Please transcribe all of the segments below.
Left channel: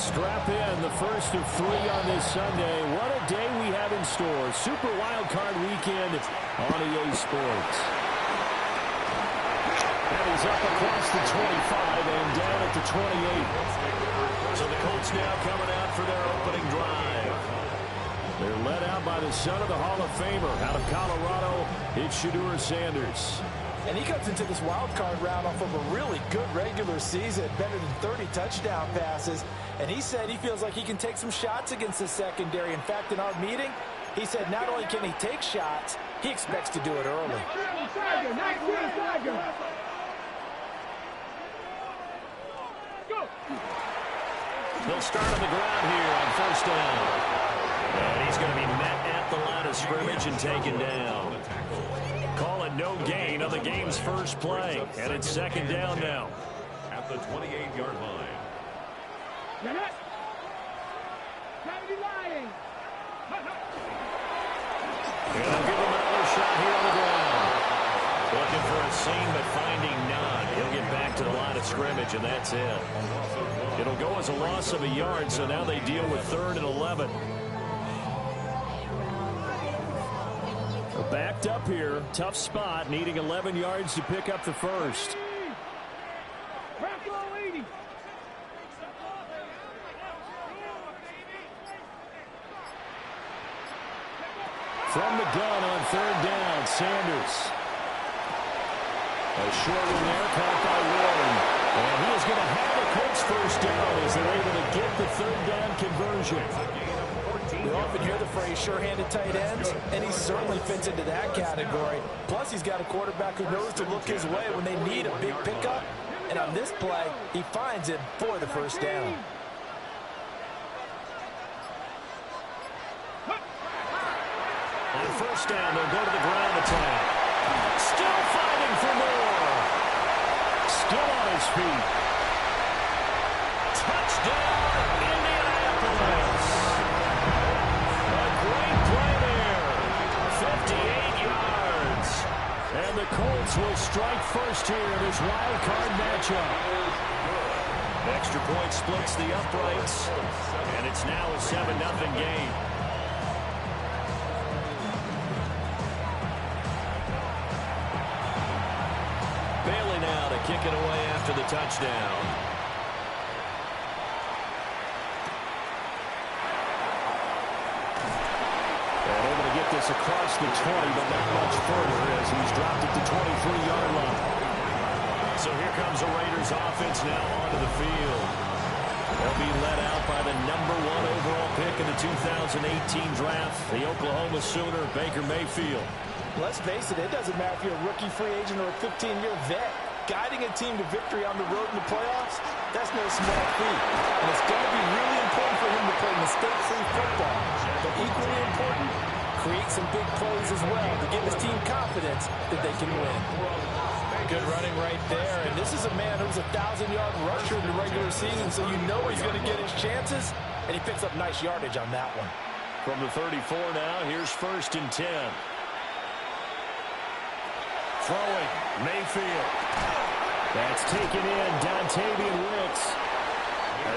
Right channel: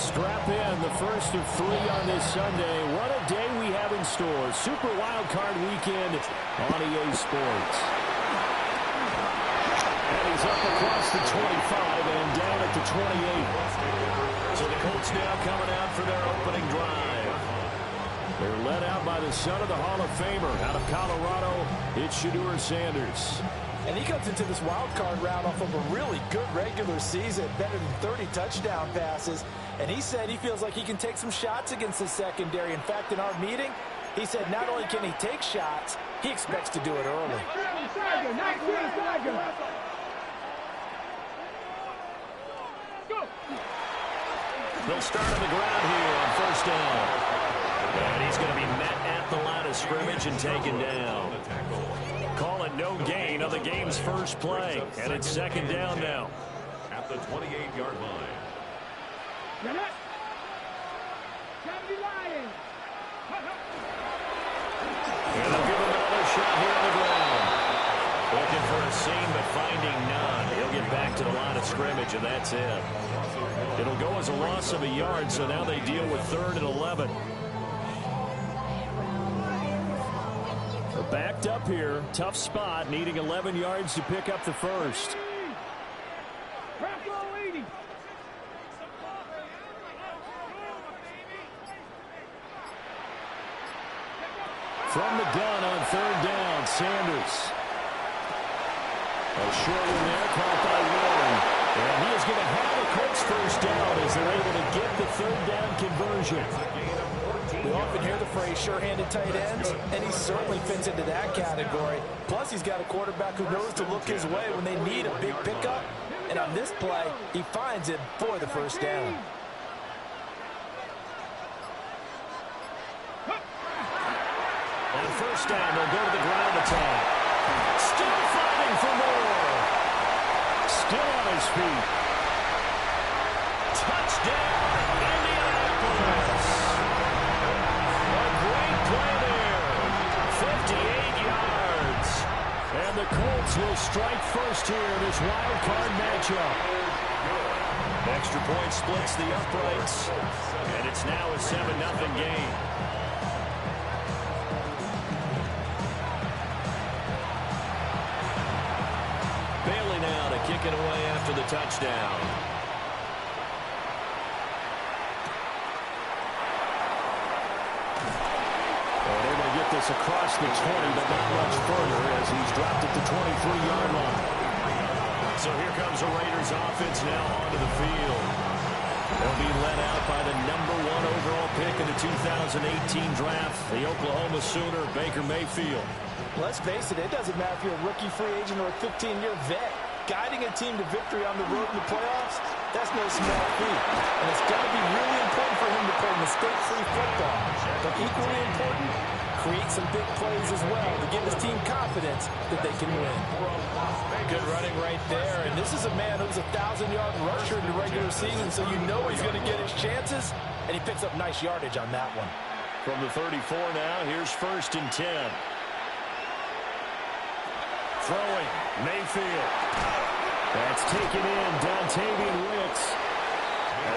strap in the first of 3 on this Sunday. What a day we have in store. Super Wild Card Weekend on EA Sports. And he's up across the 25 and down at the 28. So the Colts now coming out for their opening drive. They're led out by the son of the Hall of Famer out of Colorado. It's Shedeur Sanders. And he comes into this wild card round off of a really good regular season, better than 30 touchdown passes. And he said he feels like he can take some shots against the secondary. In fact, in our meeting, he said not only can he take shots, he expects to do it early. They'll start on the ground here on first down. And he's going to be met at the line of scrimmage and taken down. Call it no gain on the game's first play. And it's second down now. At the 28-yard line. And they'll give him another shot here on the ground. Looking for a seam, but finding none. He'll get back to the line of scrimmage, and that's it. It'll go as a loss of a yard, so now they deal with 3rd and 11. They're backed up here. Tough spot, needing 11 yards to pick up the first. From the gun on 3rd down, Sanders. A short one there, caught by Warren. And he is going to have a Colts first down as they're able to get the 3rd down conversion. We often hear the phrase sure-handed tight ends, and he certainly fits into that category. Plus, he's got a quarterback who knows to look his way when they need a big pickup. And on this play, he finds it for the first down. On first down, they'll go to the ground attack. Still fighting for more. Still on his feet. Touchdown, Indianapolis. A great play there. 58 yards. And the Colts will strike first here in this wild card matchup. Extra point splits the uprights. And it's now a 7-0 game. Bailey now to kick it away after the touchdown. And able to get this across the 20, but not much further as he's dropped it to 23-yard line. So here comes the Raiders offense now onto the field. They'll be led out by the #1 overall pick in the 2018 draft, the Oklahoma Sooner, Baker Mayfield. Let's face it, it doesn't matter if you're a rookie free agent or a 15-year vet. Guiding a team to victory on the road in the playoffs, that's no small feat. And it's going to be really important for him to play mistake-free football. But equally important, create some big plays as well to give his team confidence that they can win. Good running right there. And this is a man who's a 1,000-yard rusher in the regular season, so you know he's going to get his chances. And he picks up nice yardage on that one. From the 34 now, here's 1st and 10. Throwing, Mayfield. That's taken in, Dontavian Wicks.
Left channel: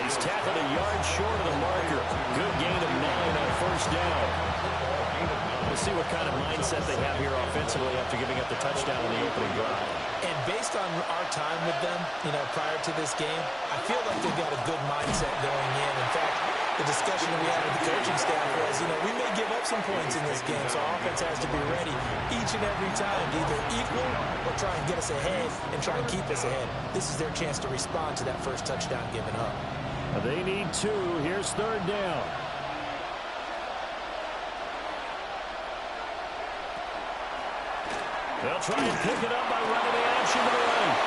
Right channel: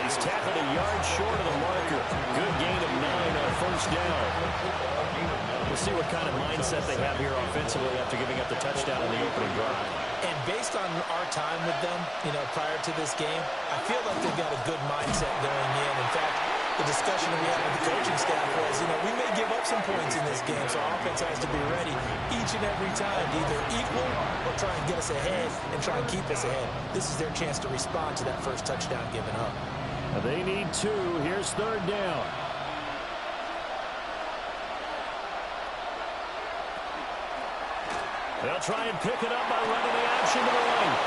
He's tackled a yard short of the marker. Good gain of 9 on first down. We'll see what kind of mindset they have here offensively after giving up the touchdown in the opening drive. And based on our time with them, prior to this game, I feel like they've got a good mindset going in. In fact, the discussion that we had with the coaching staff was, we may give up some points in this game, so our offense has to be ready each and every time to either equal or try and get us ahead and try and keep us ahead. This is their chance to respond to that first touchdown given up. They need 2. Here's 3rd down. They'll try and pick it up by running the option to the right.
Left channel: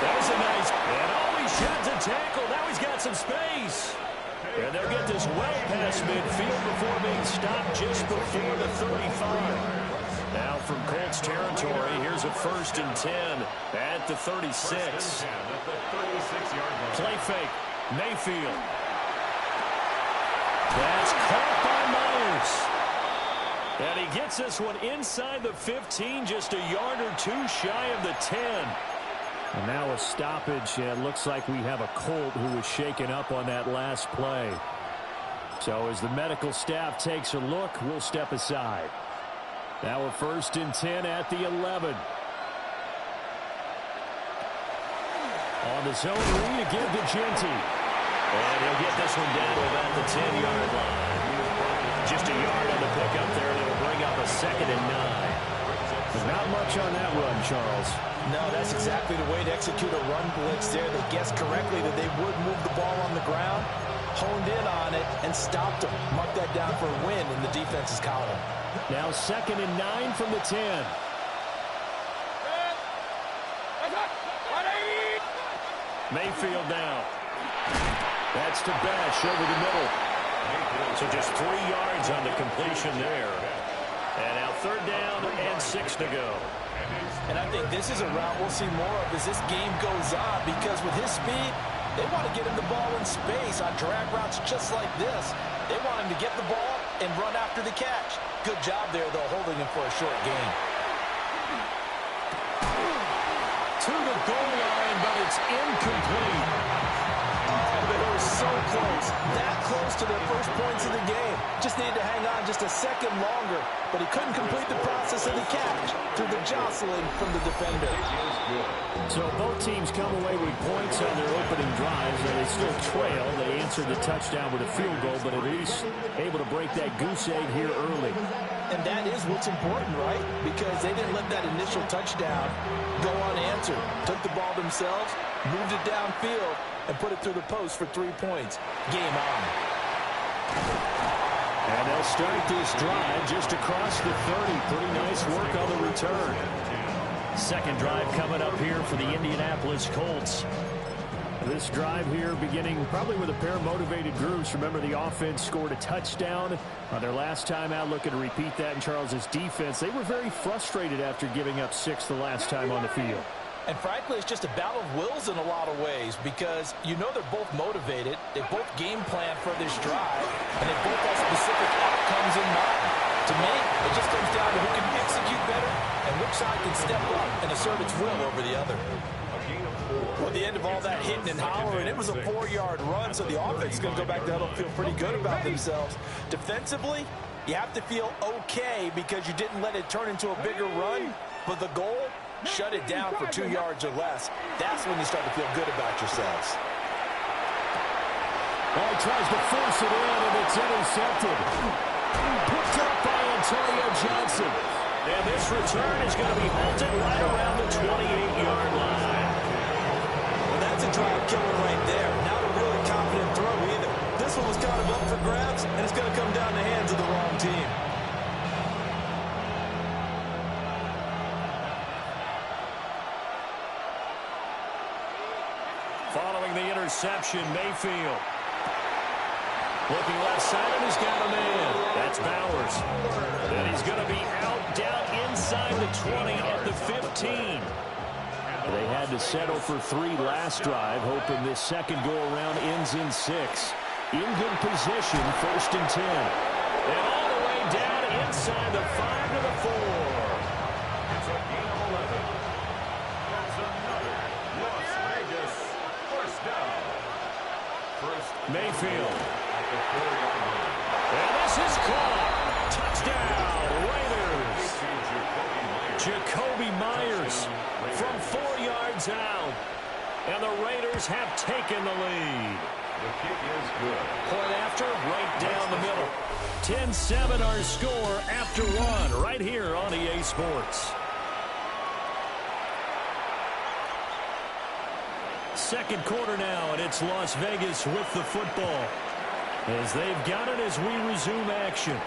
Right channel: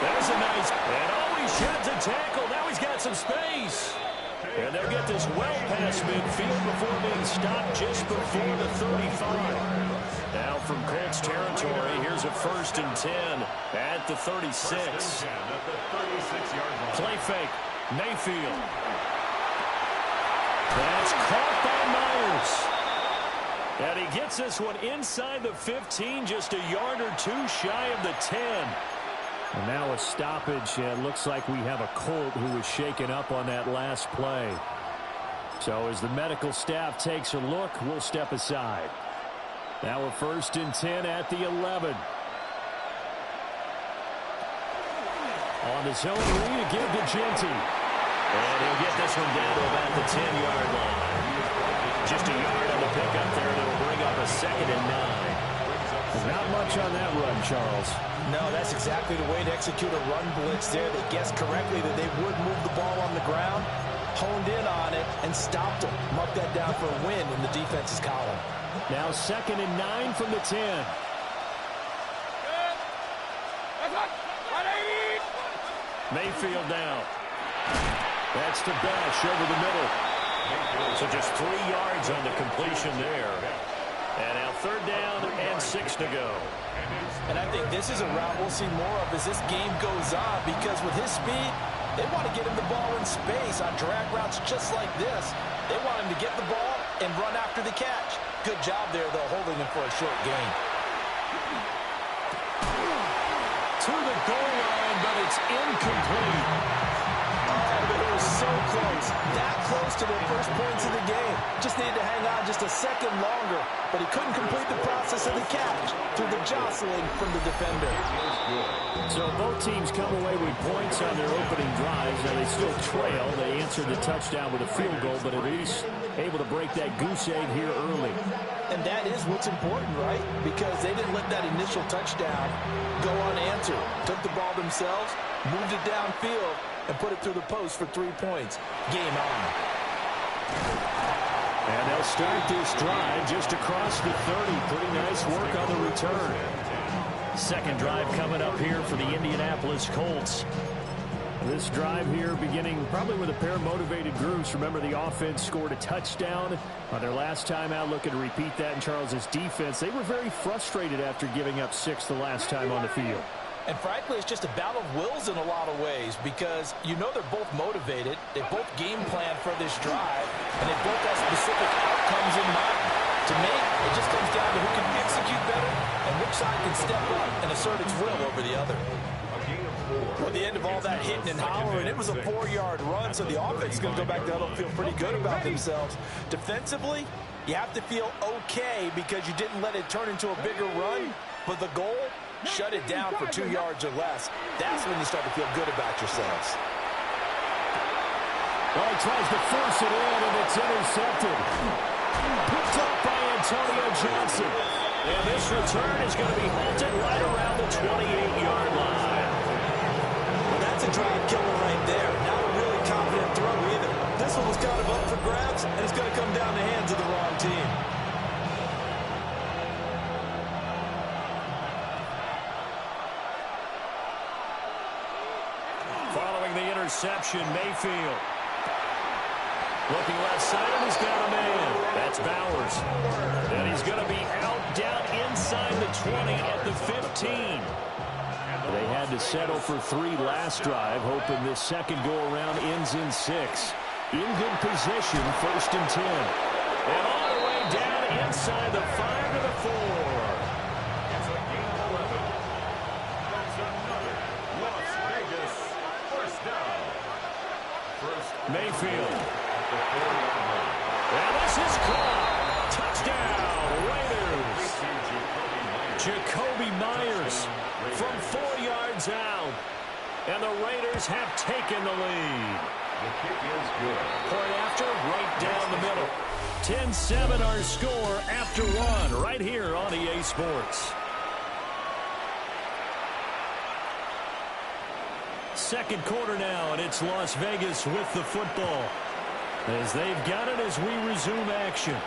There's a nice, and he sheds a tackle. Now he's got some space. And they'll get this well past midfield before being stopped just before the 35. Now from Colts territory, here's a 1st and 10 at the 36. Play fake, Mayfield. That's caught by Myers. And he gets this one inside the 15, just a yard or 2 shy of the 10. And now a stoppage. It looks like we have a Colt who was shaken up on that last play. So as the medical staff takes a look, we'll step aside. Now a 1st and 10 at the 11. On the zone read, to give to Genty. And he'll get this one down to about the 10-yard line. Just a yard on the pickup there, and it'll bring up a 2nd and 9. Not much on that run, Charles. No, that's exactly the way to execute a run blitz there. They guessed correctly that they would move the ball on the ground, honed in on it, and stopped them. Mark that down for a win in the defense's column. Now 2nd and 9 from the 10. Mayfield now. That's to Bash over the middle. So just 3 yards on the completion there. And now 3rd down and 6 to go. And I think this is a route we'll see more of as this game goes on, because with his speed, they want to get him the ball in space on drag routes just like this. They want him to get the ball and run after the catch. Good job there, though, holding him for a short gain. To the goal line, but it's incomplete. Oh, they were so close. That close to their first points of the game. Just needed to hang on just a second longer, but he couldn't complete the process of the catch through the jostling from the defender. So both teams come away with points on their opening drives, and they still trail. They answered the touchdown with a field goal, but at least able to break that goose egg here early. And that is what's important, right? Because they didn't let that initial touchdown go unanswered. Took the ball themselves, moved it downfield, and put it through the post for 3 points. Game on. And they'll start this drive just across the 30. Pretty nice work on the return. Second drive coming up here for the Indianapolis Colts. This drive here beginning probably with a pair of motivated groups. Remember, the offense scored a touchdown on their last time out, looking to repeat that in Charles's defense. They were very frustrated after giving up 6 the last time on the field. And frankly, it's just a battle of wills in a lot of ways, because you know they're both motivated. They both game plan for this drive, and they both have specific outcomes in mind. To me, it just comes down to who can execute better and which side can step up and assert its will over the other. Well, at the end of all that hitting and hollering, it was a 4-yard run, so the offense is going to go back to huddle and feel pretty good about themselves. Defensively, you have to feel okay because you didn't let it turn into a bigger run, but the goal, shut it down for 2 yards or less. That's when you start to feel good about yourselves. Oh, he tries to force it in, and it's intercepted. Picked up by Antonio Johnson. And this return is going to be halted right around the 28-yard line. Well, that's a drive killer right there. Not a really confident throw either. This one was kind of up for grabs, and it's going to come down the hands of the wrong team. Following the interception, Mayfield. Looking left side, and he's got a man. That's Bowers. And he's going to be out down inside the 20 at the 15. They had to settle for 3 last drive, hoping this second go-around ends in 6. In good position, 1st and 10. And all the way down inside the 5 to the 4. It's a gain of 11. That's another Las Vegas first down. Mayfield. At the 4-yard line. And this is caught. Touchdown, Raiders. Jacoby Myers from 4 yards out. And the Raiders have taken the lead. The kick is good. Point after, right down the middle. 10-7 our score after 1 right here on EA Sports. Second quarter now, and it's Las Vegas with the football, as they've got it as we resume action.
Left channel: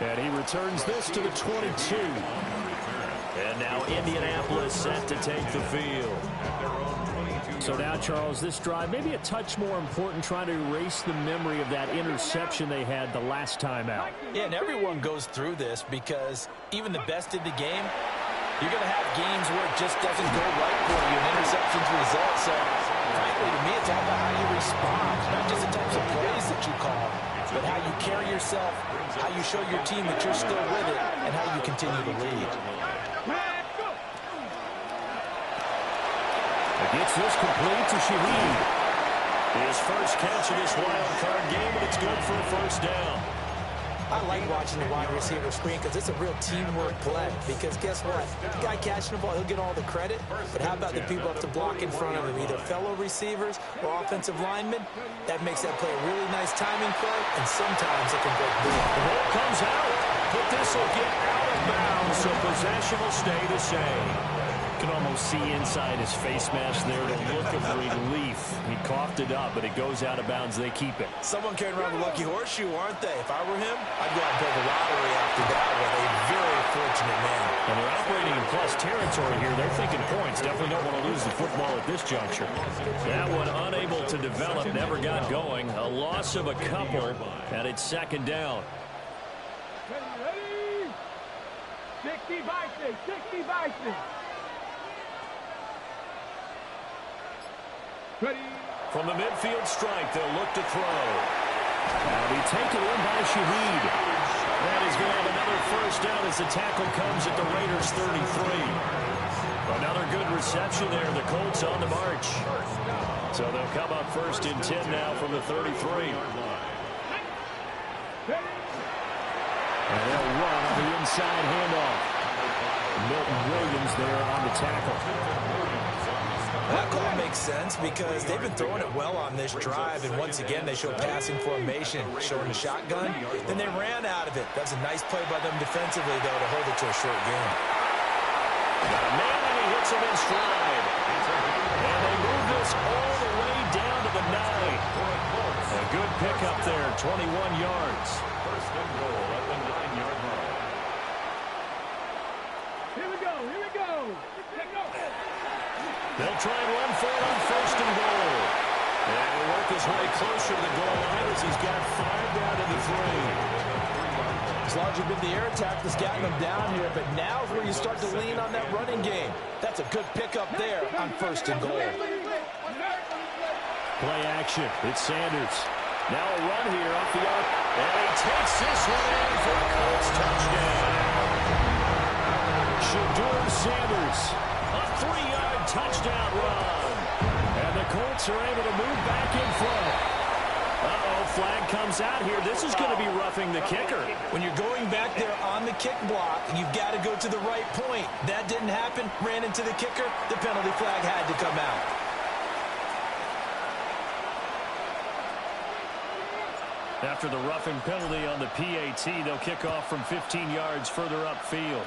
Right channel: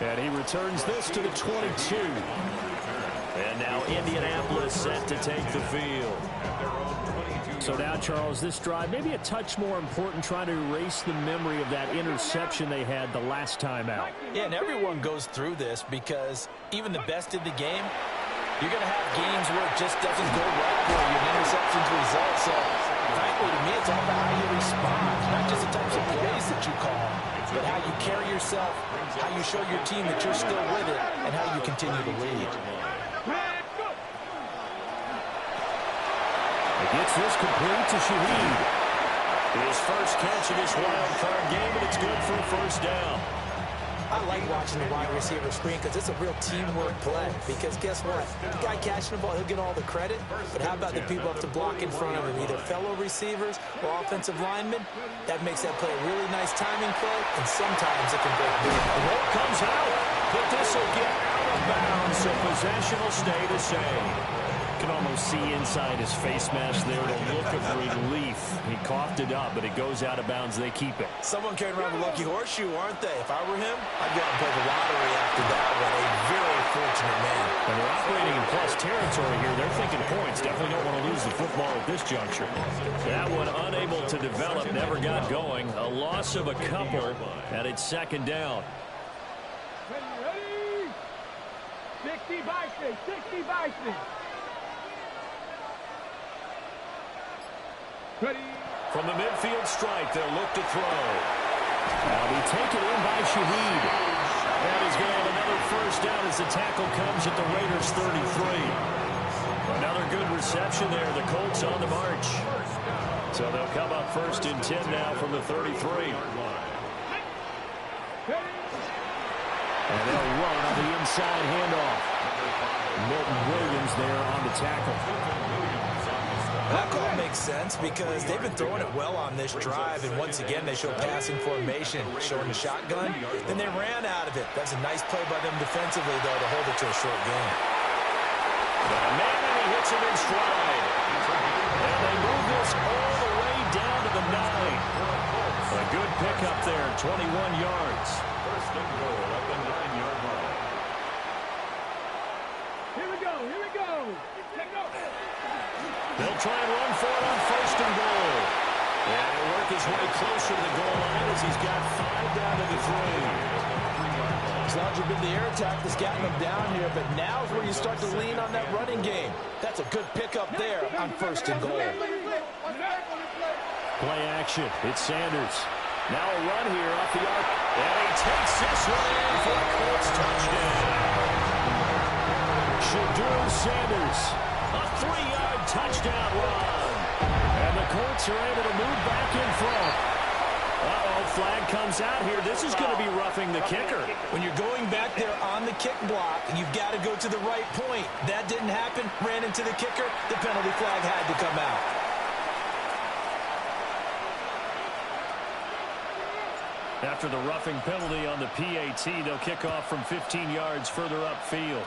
And he returns this to the 22. And now Indianapolis set to take the field. So now, Charles, this drive maybe a touch more important, trying to erase the memory of that interception they had the last time out. Yeah, and everyone goes through this, because even the best in the game, you're going to have games where it just doesn't go right for you, and interceptions result. So Frankly, to me, it's all about how you respond, not just the types of plays that you call, but how you carry yourself, how you show your team that you're still with it, and how you continue to lead. Gets this complete to Shaheed. His first catch of this wild card game, and it's good for a first down. I like watching the wide receiver screen because it's a real teamwork play. Because guess what? The guy catching the ball, he'll get all the credit. But how about the people up to block in front of him, either fellow receivers or offensive linemen? That makes that play a really nice timing play, and sometimes it can break big. The ball comes out, but this will get out of bounds, so possession will stay the same. You can almost see inside his face mask there the look of relief. He coughed it up, but it goes out of bounds. They keep it. Someone carrying around the lucky horseshoe, aren't they? If I were him, I'd go out and play the lottery after that one. A very fortunate man. And they're operating in plus territory here. They're thinking points. Definitely don't want to lose the football at this juncture. That one unable to develop, never got going. A loss of a couple, and it's second down. Ready? 60 Vikings, 60 Vikings. Ready. From the midfield strike, they'll look to throw. That'll be taken in by Shaheed. That is going to have another first down as the tackle comes at the Raiders' 33. Another good reception there. The Colts on the march. So they'll come up first and 10 now from the 33. And they'll run on the inside handoff. Milton Williams there on the tackle. That call makes sense because they've been throwing it well on this drive, and once again they show passing formation, showing the shotgun. Then they ran out of it. That's a nice play by them defensively, though, to hold it to a short game. Got a man, and he hits him in stride. And they move this all the way down to the 9. A good pickup there, 21 yards. First and goal at the 9-yard line. Here we go, here we go. They'll try and run for it on first and goal. And he'll work his way closer to the goal line as he's got 5 down to the 3. It's largely been the air attack that's gotten them down here, but now's where you start to lean on that running game. That's a good pickup there on first and goal. Play action. It's Sanders. Now a run here off the arc. And he takes this one in for a Colts touchdown. Shadur Sanders. A 3-yard touchdown run. And the Colts are able to move back in front. Uh-oh, flag comes out here. This is going to be roughing the kicker. When you're going back there on the kick block, you've got to go to the right point. That didn't happen. Ran into the kicker. The penalty flag had to come out. After the roughing penalty on the PAT, they'll kick off from 15 yards further upfield.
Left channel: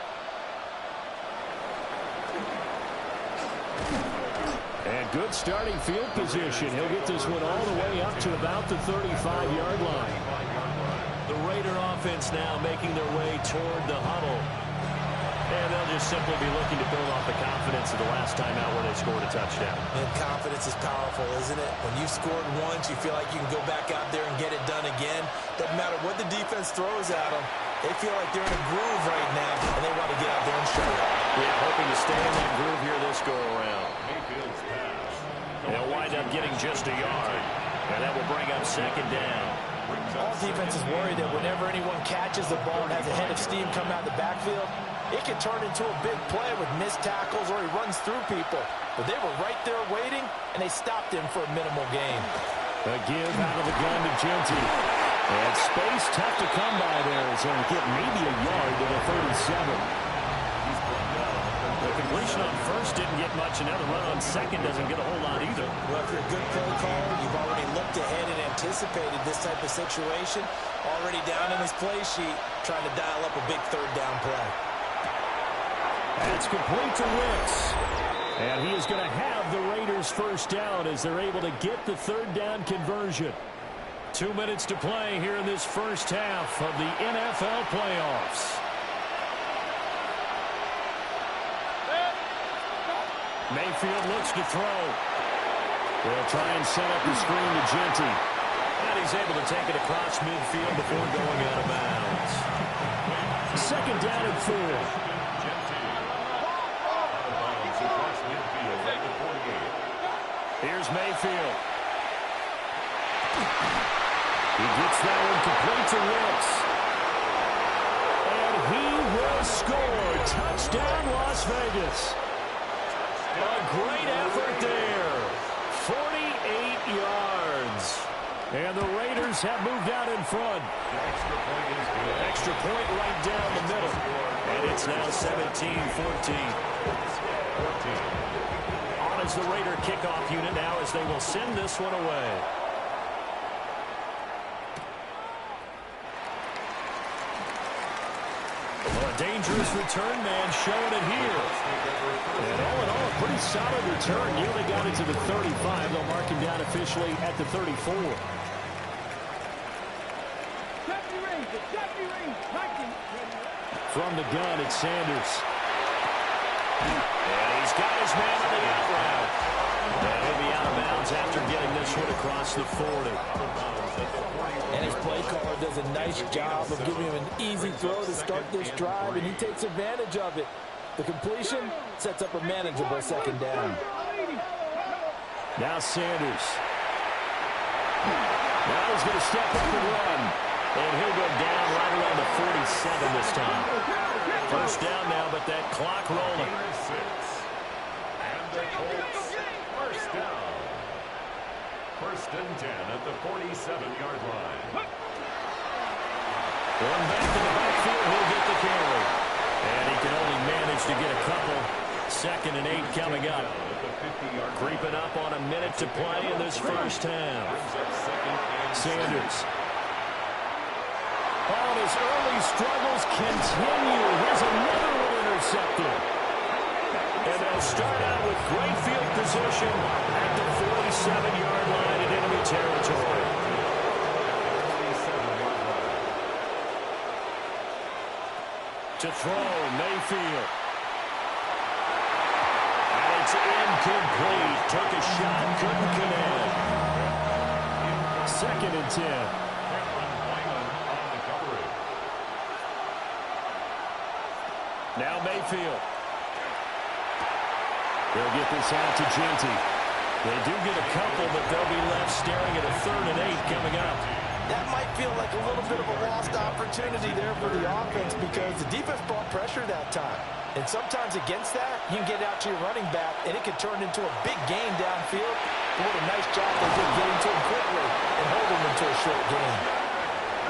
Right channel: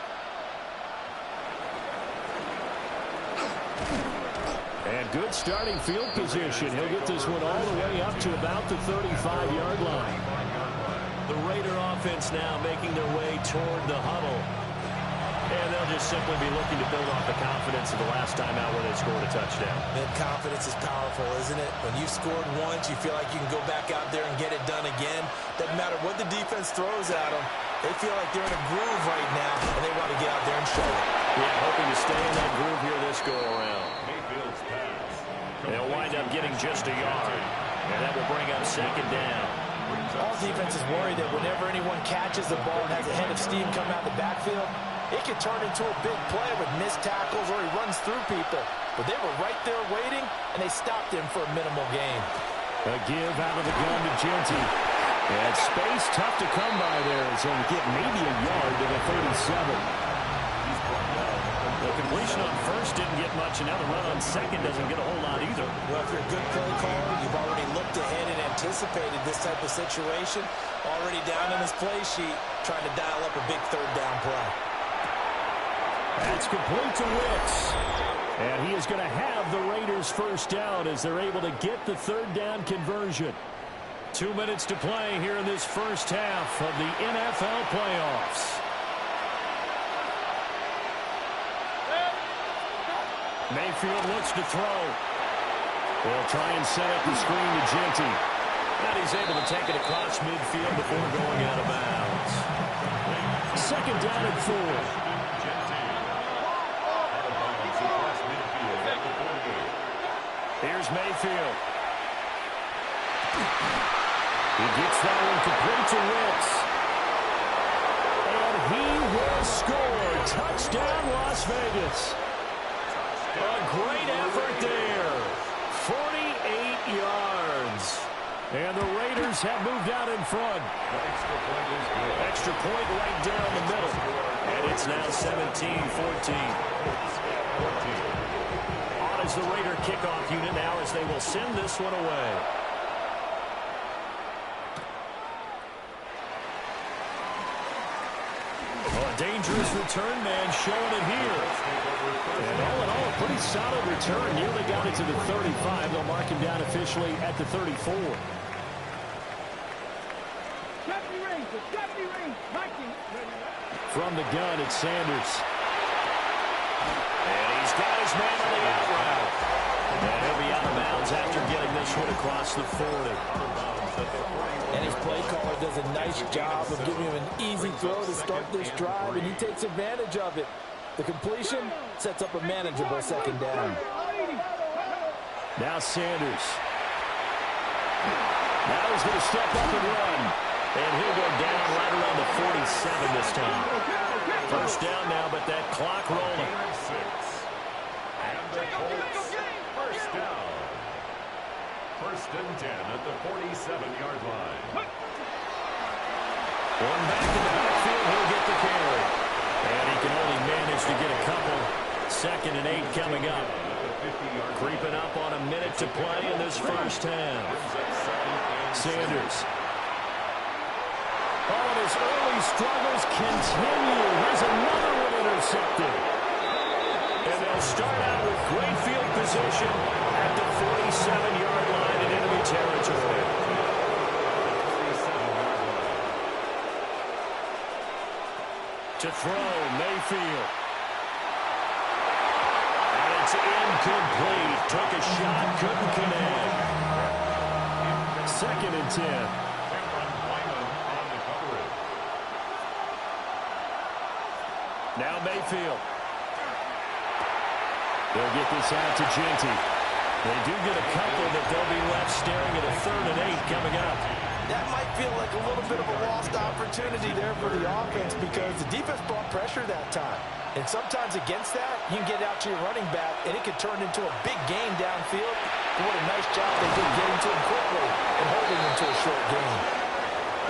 And good starting field position. He'll get this one all the way up to about the 35-yard line. The Raider offense now making their way toward the huddle. And they'll just simply be looking to build off the confidence of the last time out where they scored a touchdown. And confidence is powerful, isn't it? When you've scored once, you feel like you can go back out there and get it done again. Doesn't matter what the defense throws at them. They feel like they're in a groove right now, and they want to get out there and show it. Yeah, hoping to stay in that groove here this go-around. Mayfield's pass. They'll wind up getting just a yard. And that will bring up second down. All defenses worry that whenever anyone catches the ball and has a head of steam come out of the backfield, it can turn into a big play with missed tackles or he runs through people. But they were right there waiting, and they stopped him for a minimal gain. A give out of the gun to Genty. And space tough to come by there. So he'll get maybe a yard to the 37. The completion on first didn't get much, and now the run on second doesn't get a whole lot either. Well, if you're a good play caller, you've already looked ahead and anticipated this type of situation. Already down in his play sheet, trying to dial up a big third down play. That's complete to Wicks. And he is going to have the Raiders first down as they're able to get the third down conversion. 2 minutes to play here in this first half of the NFL playoffs. Mayfield looks to throw. They'll try and set up the screen to Genty. And he's able to take it across midfield before going out of bounds. Second down and 4. Here's Mayfield. He gets that one complete to Wicks. And he will score. Touchdown, Las Vegas. A great effort there. 48 yards. And the Raiders have moved out in front. The extra point is good. Extra point right down the middle. And it's now 17-14. 14. On is the Raider kickoff unit now as they will send this one away. Well, a dangerous return man showing it here. And all in all, a pretty solid return. Nearly got it to the 35. They'll mark him down officially at the 34. From the gun, it's Sanders. And he's got his man on the out route. And he'll be out of bounds after getting this one across the 40. And his play caller does a nice job of giving him an easy throw to start this drive, and he takes advantage of it. The completion sets up a manageable second down. Now Sanders. Now he's going to step up and run. And he'll go down right around the 47 this time. First down now, but that clock rolling. And the Colts, first down. First and 10 at the 47-yard line. One back in the backfield, he'll get the carry. And he can only manage to get a couple. 2nd and 8 coming up. Creeping up on a minute to play in this first half. Sanders. Oh, and his early struggles continue. Here's another one intercepted. And they'll start out with great field position at the 47-yard line in enemy territory. To throw, Mayfield. And it's incomplete. Took a shot, couldn't connect. 2nd and 10. Now Mayfield. They'll get this out to Genty. They do get a couple, but they'll be left staring at a 3rd and 8 coming up. That might feel like a little bit of a lost opportunity there for the offense because the defense brought pressure that time. And sometimes against that, you can get out to your running back, and it can turn into a big game downfield. But what a nice job they did getting to him quickly and holding him to a short game.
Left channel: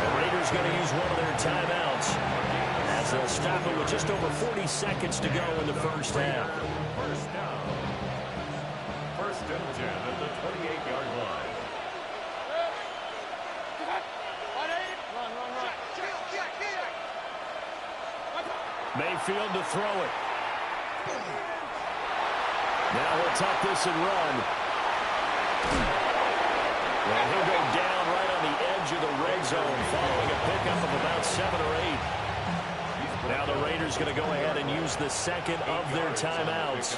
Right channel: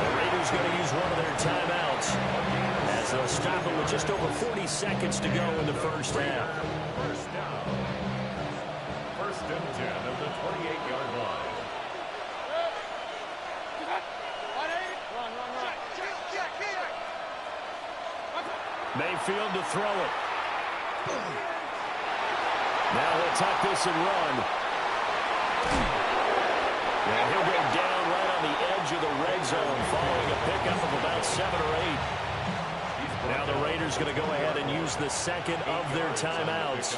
The Raiders going to use one of their timeouts as they'll stop it with just over 40 seconds to go in the first half. First down. First and 10 at the 28-yard line. Mayfield to throw it. Now he'll tuck this and run. And he'll go down right on the edge of the red zone following a pickup of about 7 or 8. Now the Raiders going to go ahead and use the second of their timeouts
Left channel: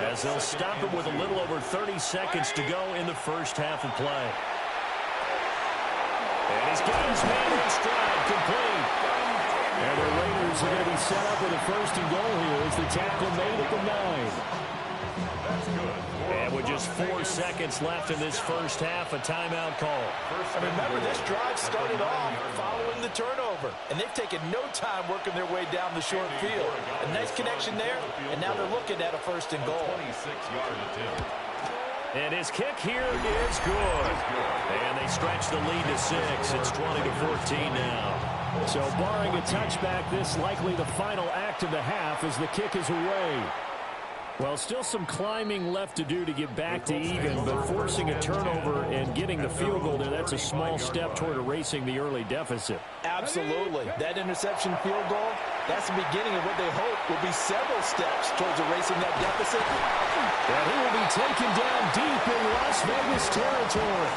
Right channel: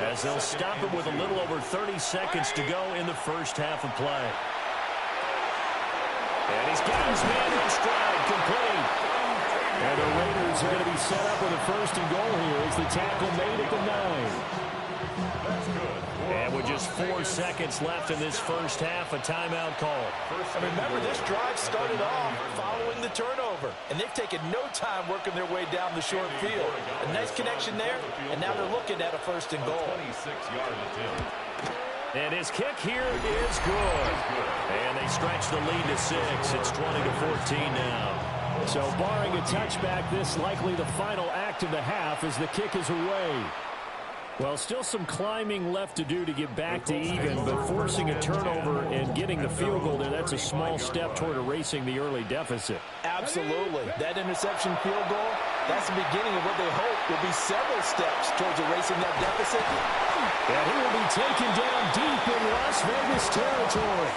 as they'll stop it with a little over 30 seconds to go in the first half of play. And he's got his man in stride, complete. And the Raiders are going to be set up with a 1st and goal here as the tackle made at the 9. That's good. And with just 4 seconds left in this first half, a timeout call. And remember, this drive started off following the turnover, and they've taken no time working their way down the short field. A nice connection there, and now they're looking at a 1st and goal. 26-yard attempt. And his kick here is good. And they stretch the lead to 6. It's 20-14 now. So barring a touchback, this likely the final act of the half as the kick is away. Well, still some climbing left to do to get back to even, but forcing a turnover and getting the field goal there, that's a small step toward erasing the early deficit. Absolutely. That interception field goal, that's the beginning of what they hope will be several steps towards erasing that deficit. And he will be taken down deep in Las Vegas territory.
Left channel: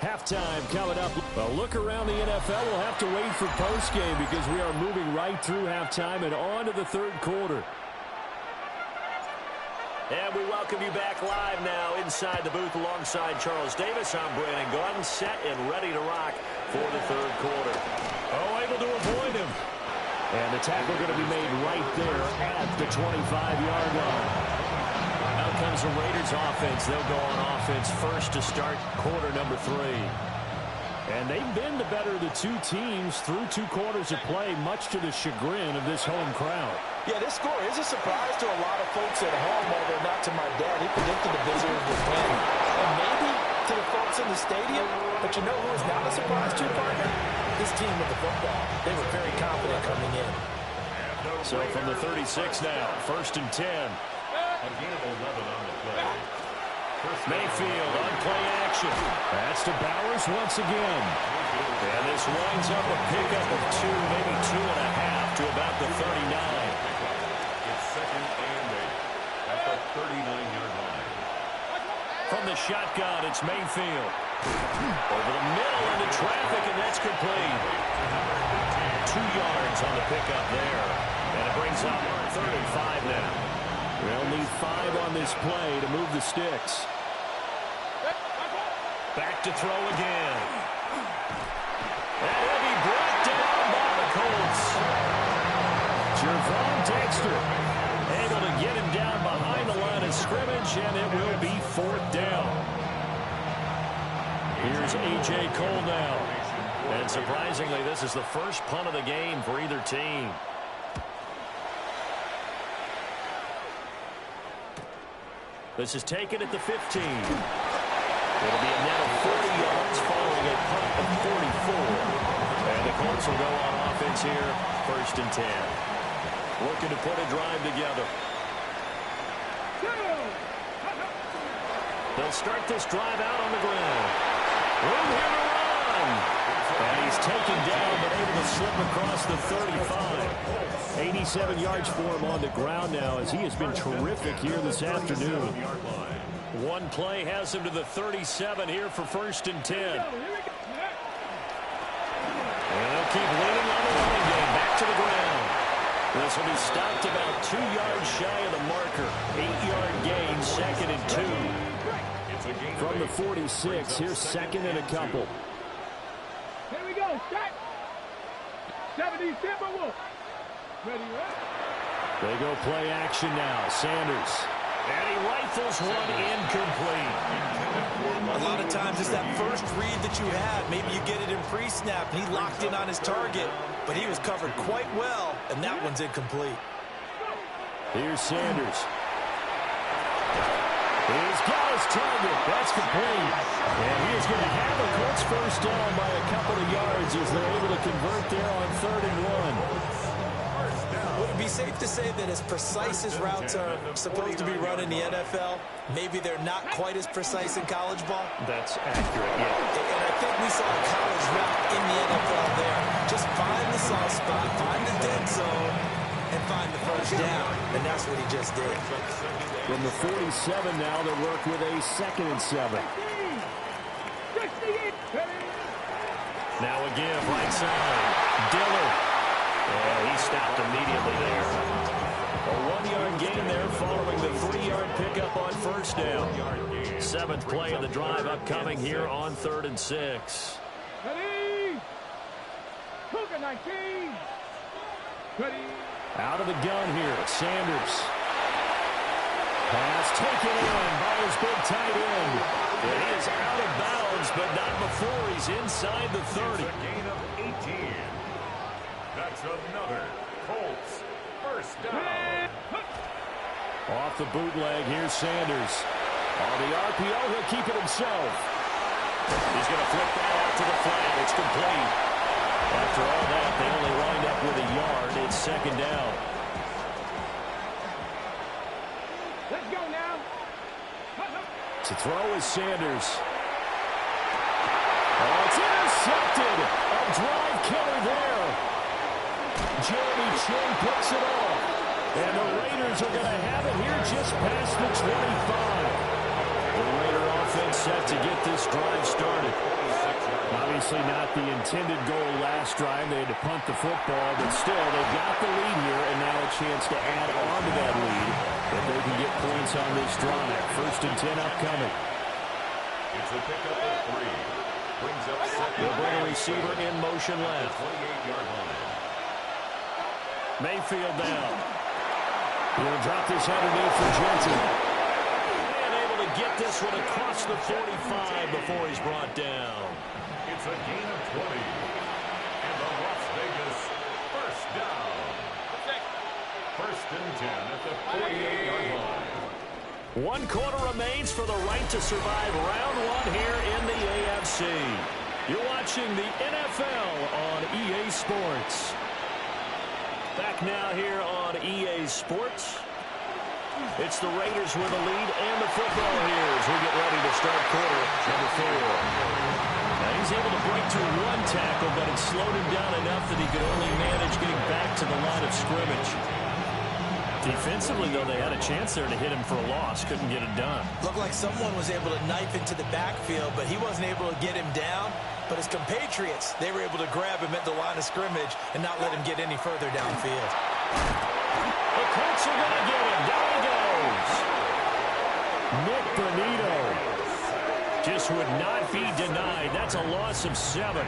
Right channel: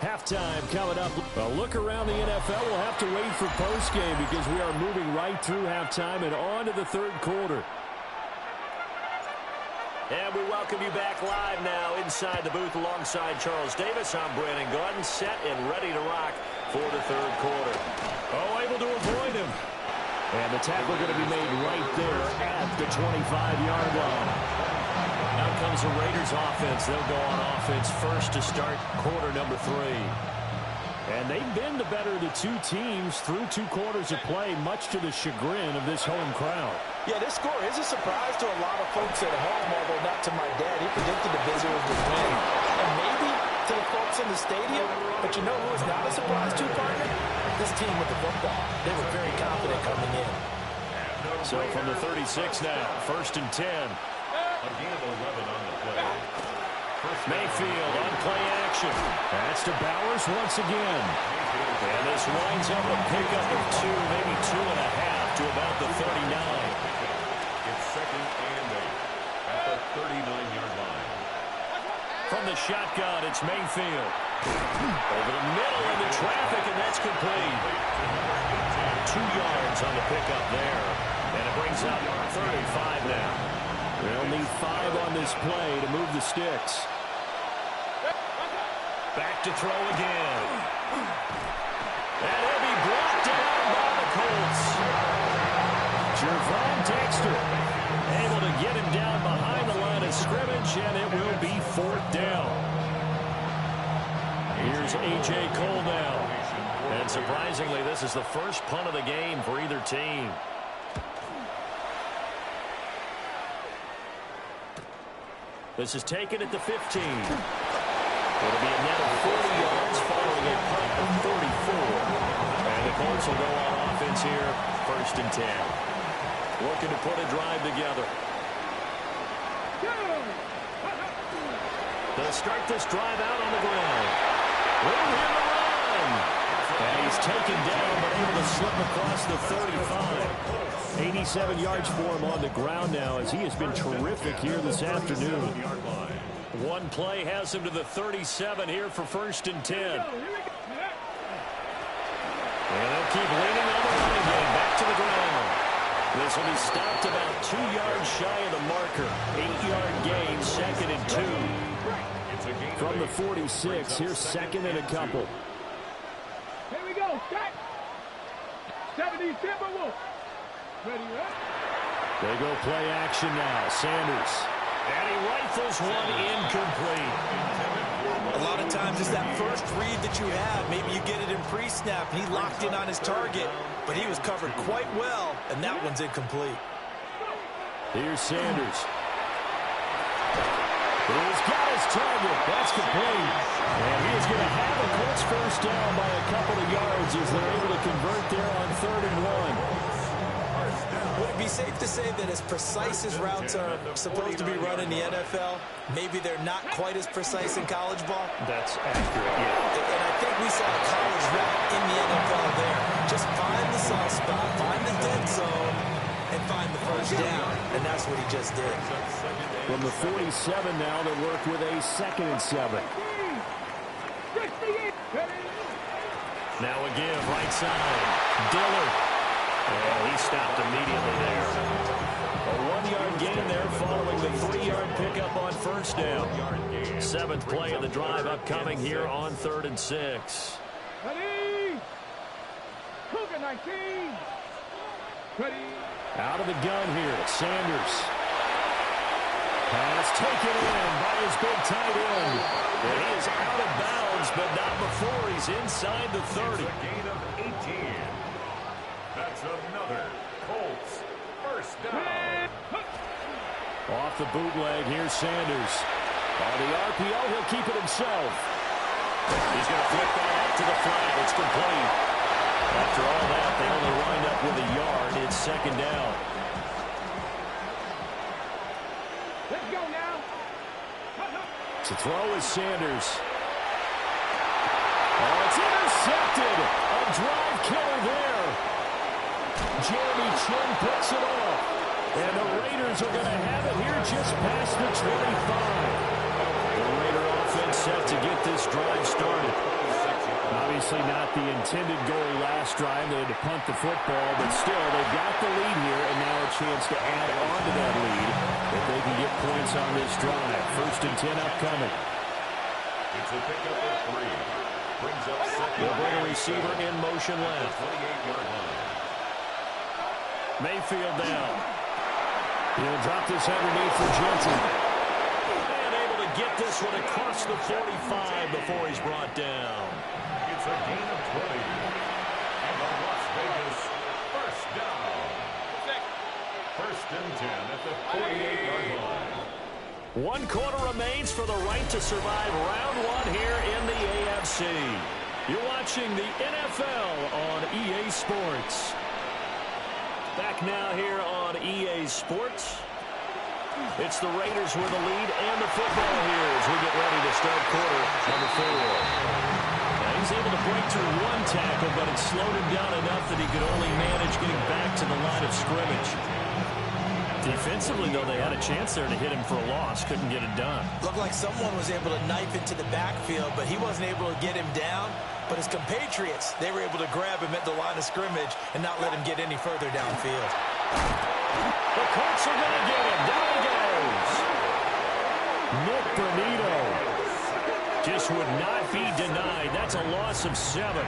Halftime coming up. A look around the NFL. We'll have to wait for postgame because we are moving right through halftime and on to the 3rd quarter. And we welcome you back live now inside the booth alongside Charles Davis. I'm Brandon Gaudin, set and ready to rock for the 3rd quarter. Oh, able to avoid him. And the tackle going to be made right there at the 25-yard line. Out comes the Raiders offense. They'll go on offense first to start quarter number 3. And they've been the better of the two teams through 2 quarters of play, much to the chagrin of this home crowd. Yeah, this score is a surprise to a lot of folks at home, although not to my dad. He predicted the visitors would win. And maybe to the folks in the stadium, but you know who is not a surprise to, partner? This team with the football. They were very confident coming in. So from the 36 now, 1st and 10. A gain of 11 on the play. Mayfield on play action. That's to Bowers once again. And this winds up a pickup of 2, maybe 2.5 to about the 39. It's 2nd and 8 at the 39-yard line. From the shotgun, it's Mayfield. Over the middle into traffic, and that's complete. 2 yards on the pickup there. And it brings up 3rd and 5 now. They'll need 5 on this play to move the sticks. Back to throw again. And he'll be brought down by the Colts. Jervon Dexter able to get him down behind the line of scrimmage, and it will be 4th down. Here's A.J. Cole now. And surprisingly, this is the first punt of the game for either team. This is taken at the 15. It'll be a net of 40 yards following a punt of 44. And the Colts will go on offense here, 1st and 10. Looking to put a drive together. They'll start this drive out on the ground. Room here to run. And he's taken down, but able to slip across the 35. 87 yards for him on the ground now, as he has been terrific here this afternoon. One play has him to the 37 here for 1st and 10. And they'll keep leaning on the running game. Back to the ground. This will be stopped about 2 yards shy of the marker. 8-yard gain, 2nd and 2. From the 46, here's 2nd and a couple. Here we go. Set. 70 Timberwolves. Ready, right? They go play action now. Sanders. And he rifles one incomplete. A lot of times it's that first read that you have. Maybe you get it in pre-snap, and he locked in on his target. But he was covered quite well, and that one's incomplete. Here's Sanders. He's got his target. That's complete. And he is going to have a Colts first down by a couple of yards as they're able to convert there on 3rd and 1. Would it be safe to say that as precise as routes are supposed to be run in the NFL, maybe they're not quite as precise in college ball? That's accurate, yeah. And I think we saw a college route in the NFL there. Just find the soft spot, find the dead zone, and find the first down. And that's what he just did. From the 47 now, they'll work with a 2nd and 7. Now a give, right side. Dillard. And he stopped immediately there. A 1-yard gain there following the 3-yard pickup on 1st down. 7th play of the drive upcoming here on 3rd and 6. Ready. Cougar 19. Ready. Out of the gun here, Sanders. Pass taken in by his big tight end. And he is out of bounds, but not before he's inside the 30. It's a gain of 18. That's another Colts first down. Off the bootleg, here's Sanders. On the RPO, he'll keep it himself. He's going to flip that out to the flat. It's complete. After all that, they only wind up with a yard. It's 2nd down. Let's go now. To throw is Sanders. Oh, it's intercepted. A drive killer there. Jeremy Chin picks it off. And the Raiders are going to have it here just past the 25. The Raider offense set to get this drive started. Obviously not the intended goal last drive. They had to punt the football, but still, they've got the lead here, and now a chance to add on to that lead if they can get points on this drive. 1st and 10 upcoming. It's a pickup of 3. Brings up 2nd. They'll bring a receiver in motion left. 28-yard line. Mayfield down. He'll drop this underneath for Jensen. And able to get this one across the 45 before he's brought down. It's a gain of 20. And the Las Vegas first down. First and 10 at the 48-yard line. 1 quarter remains for the right to survive round 1 here in the AFC. You're watching the NFL on EA Sports. Back now here on EA Sports. It's the Raiders with the lead and the football here as we get ready to start quarter number 4. Now he's able to break through 1 tackle, but it slowed him down enough that he could only manage getting back to the line of scrimmage. Defensively, though, they had a chance there to hit him for a loss. Couldn't get it done. Looked like someone was able to knife into the backfield, but he wasn't able to get him down. But his compatriots, they were able to grab him at the line of scrimmage and not let him get any further downfield. The Colts are going to get him. Down he goes. Nick Bonito just would not be denied. That's a loss of 7.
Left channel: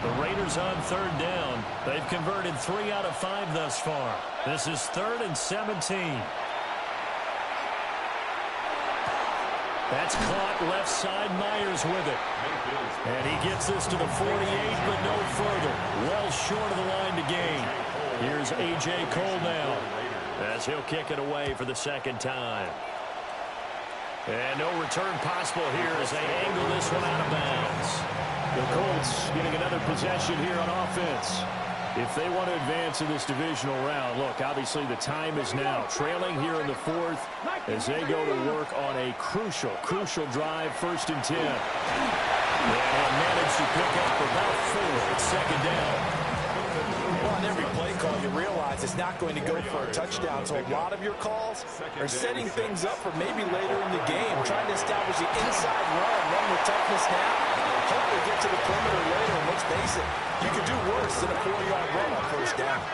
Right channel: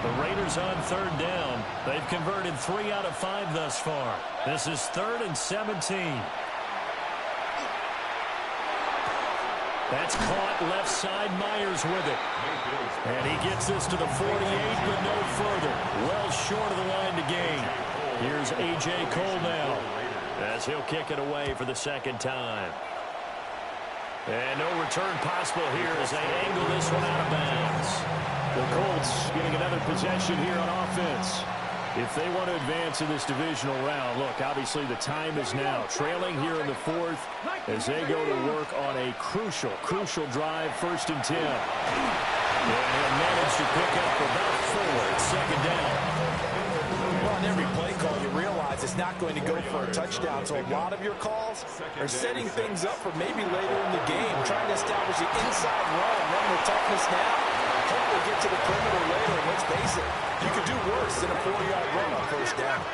The Raiders on 3rd down. They've converted 3 out of 5 thus far. This is 3rd and 17. That's caught left side. Myers with it. And he gets this to the 48, but no further. Well short of the line to gain. Here's A.J. Cole now as he'll kick it away for the 2nd time. And no return possible here as they angle this one out of bounds. The Colts getting another possession here on offense. If they want to advance in this divisional round, look, obviously the time is now. Trailing here in the 4th as they go to work on a crucial drive, 1st and 10. And he'll manage to pick up about 4 at 2nd down. Well, on every play call, you realize it's not going to go for a touchdown. So a lot of your calls are setting things up for maybe later in the game, trying to establish the inside run with toughness now. Hopefully get to the perimeter later, and let's face it, you could do worse than a 4-yard run on 1st down.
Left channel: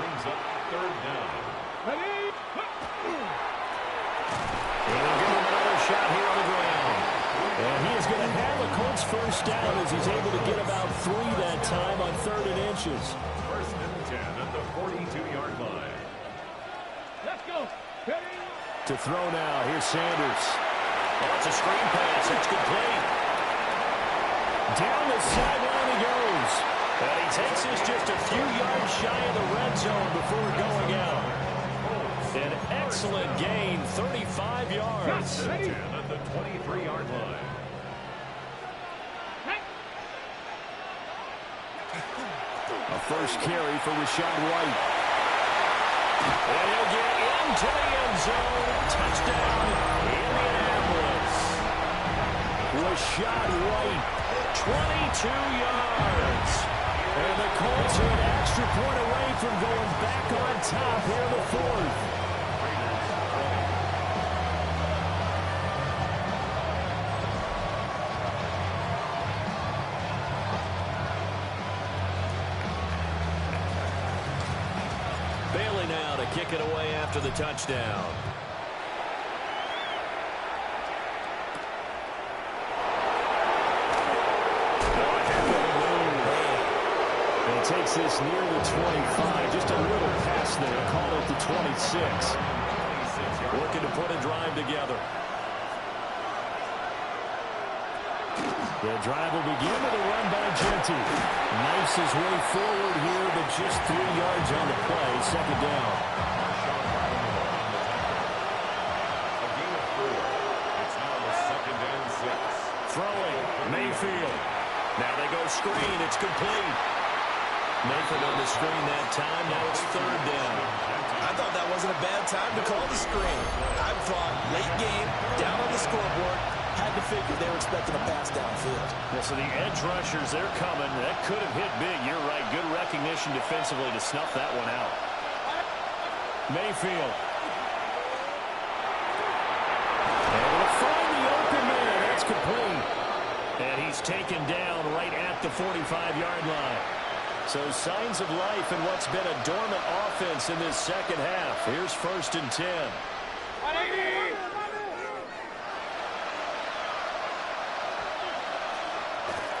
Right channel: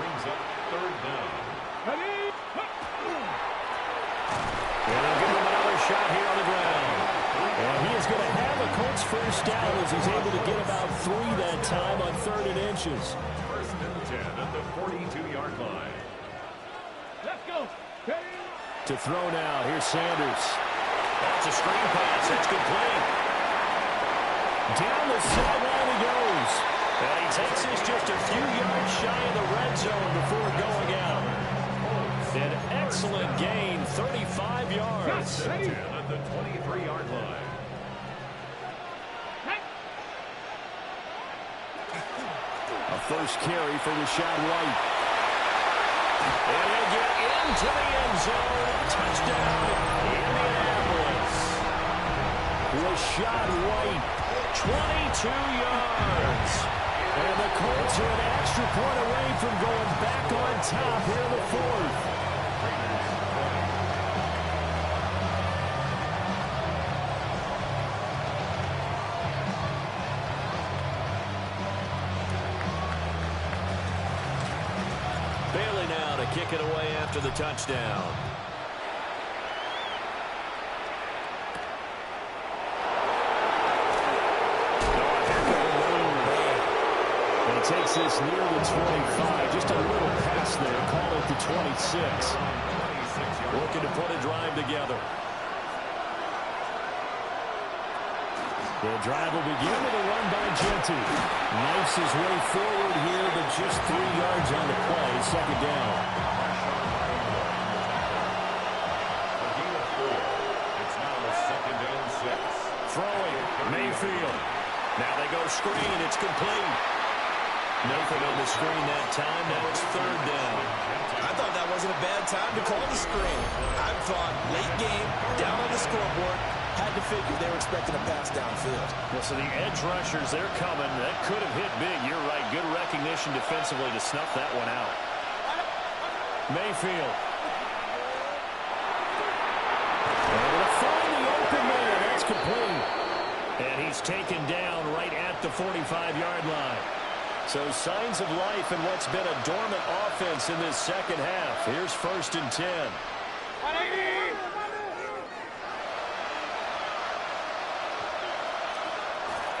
Brings up 3rd down. And they'll give him another shot here on the ground. And he is going to have a Colts 1st down as he's able to get about 3 that time on 3rd and inches. 1st and 10 at the 42-yard line. Let's go. To throw now, here's Sanders. Oh, it's a screen pass. It's complete. Down the sideline he goes. And he takes this just a few yards shy of the red zone before going out. An excellent gain, 35 yards. 10 at the 23-yard line. A 1st carry for Rashad White. And he'll get into the end zone. Touchdown, Indianapolis. Rashad White, 22 yards. and the Colts are an extra point away from going back on top here in the 4th. Bailey now to kick it away after the touchdown. And he takes this near the 25. Just a little pass there. Call it the 26. Looking to put a drive together. The drive will begin with a run by Genty. Knifes his way forward here, but just 3 yards on the play. 2nd down. A gain of 4. It's now 2nd and 6. Throwing, Mayfield. Now they go screen. It's complete. Nothing on the screen that time. Now it's 3rd down. I thought that wasn't a bad time to call the screen. I thought late game, down on the scoreboard, had to figure they were expecting a pass downfield. Yeah, so the edge rushers, they're coming. That could have hit big. You're right. Good recognition defensively to snuff that one out. Mayfield. Able to find the open man. That's complete. And he's taken down right at the 45-yard line. So signs of life in what's been a dormant offense in this 2nd half. Here's 1st and 10.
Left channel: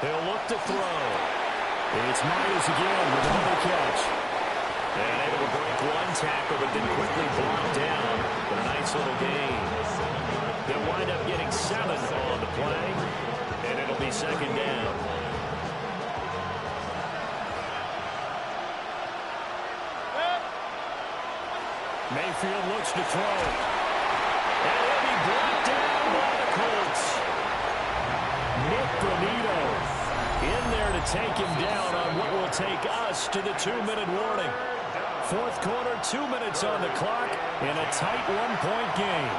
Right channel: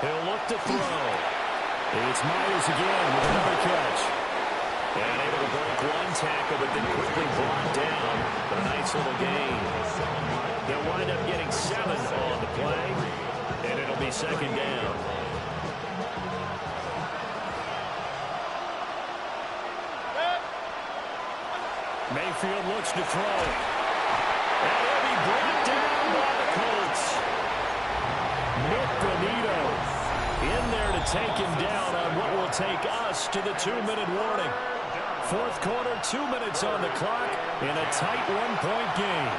He'll look to throw. It's Myers again with another catch. And able to break one tackle, but then quickly brought down. But a nice little gain. They'll wind up getting 7 on the play, and it'll be second down. Mayfield looks to throw. And he'll be brought down by the Colts. Nick Bonito in there to take him down on what will take us to the 2-minute warning. Fourth quarter, 2 minutes on the clock in a tight 1-point game.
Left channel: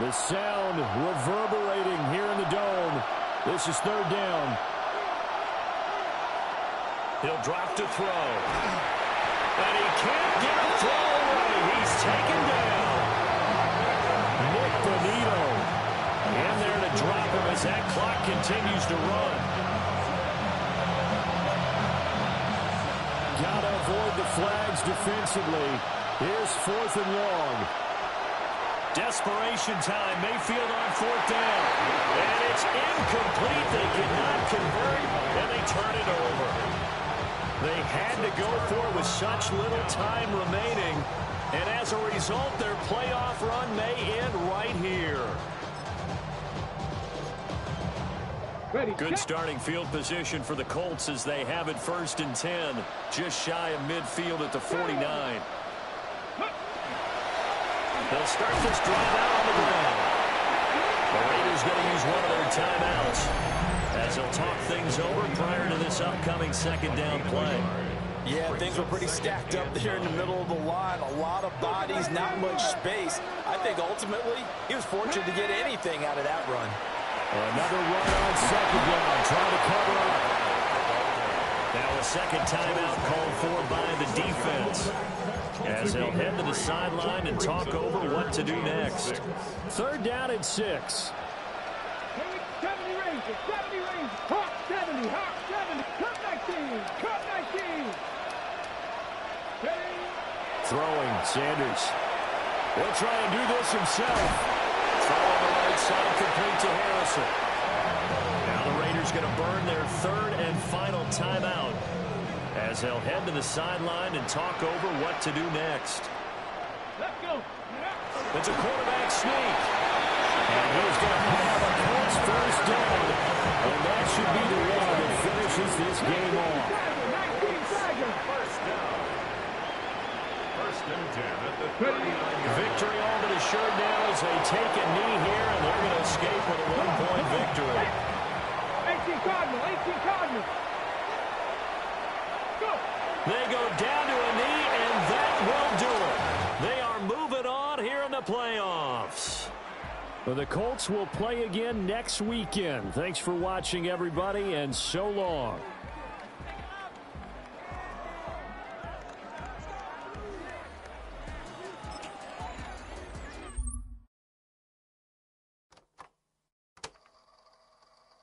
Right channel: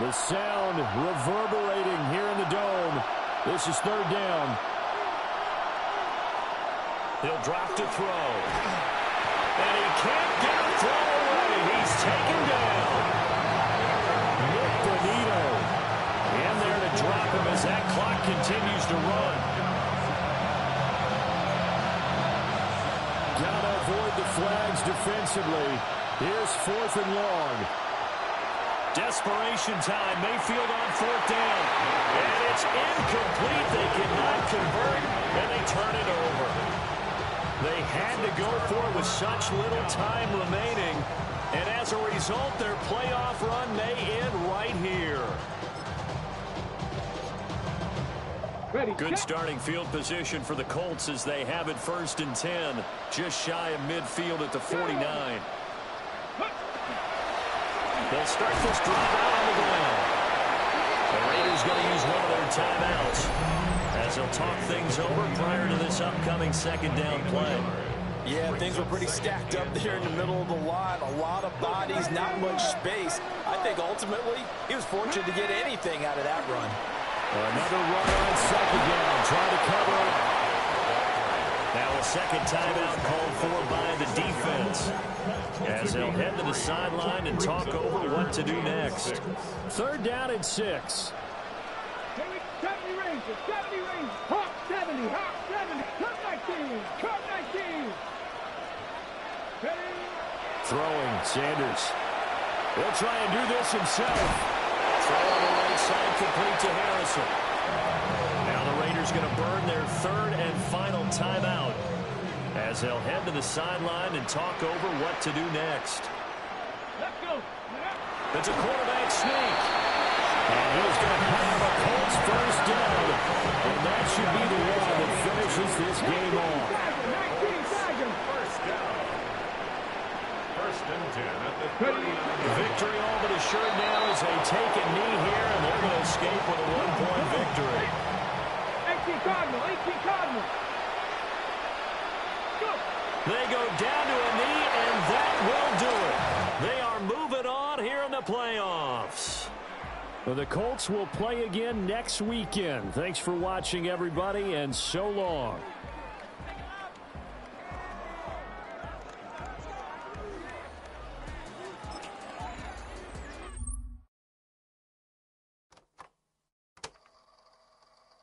The sound reverberating here in the dome. This is third down. He'll drop to throw. And he can't get a throw away. He's taken down. Nick Bonito in there to drop him as that clock continues to run. Gotta avoid the flags defensively. Here's 4th and long. Desperation time. Mayfield on 4th down. And it's incomplete. They cannot convert, and they turn it over. They had to go for it with such little time remaining. And as a result, their playoff run may end right here. Good starting field position for the Colts as they have it 1st and 10. Just shy of midfield at the 49. They'll start this drive out on the ground. The Raiders going to use one of their timeouts as they'll talk things over prior to this upcoming second down play. Yeah, things were pretty stacked up there in the middle of the line. A lot of bodies, not much space. I think ultimately he was fortunate to get anything out of that run. Another run on second down, trying to cover up. Now a second timeout called for by the defense, as they'll head to the sideline and talk over what to do next. Third down and 6. 70 ranges, 70 ranges, hop 70, hop 70, cut 19, cut 19. Throwing, Sanders. He'll try and do this himself. Throw on the right side, complete to Harrison. Now the Raiders going to burn their 3rd and final timeout as they'll head to the sideline and talk over what to do next. Let's go. It's a quarterback sneak. And he's going to have a Colts first down. And that should be the one that finishes this game off. 19 Tigers. First down. 1st and 10 at the 39. Victory all but assured now as they take a knee here, and they're going to escape with a 1-point victory. 18 Cardinal, 18 Cardinal. Go. They go down to a knee, and that will do it. They are moving on here in the playoffs. Well, the Colts will play again next weekend. Thanks for watching, everybody, and so long.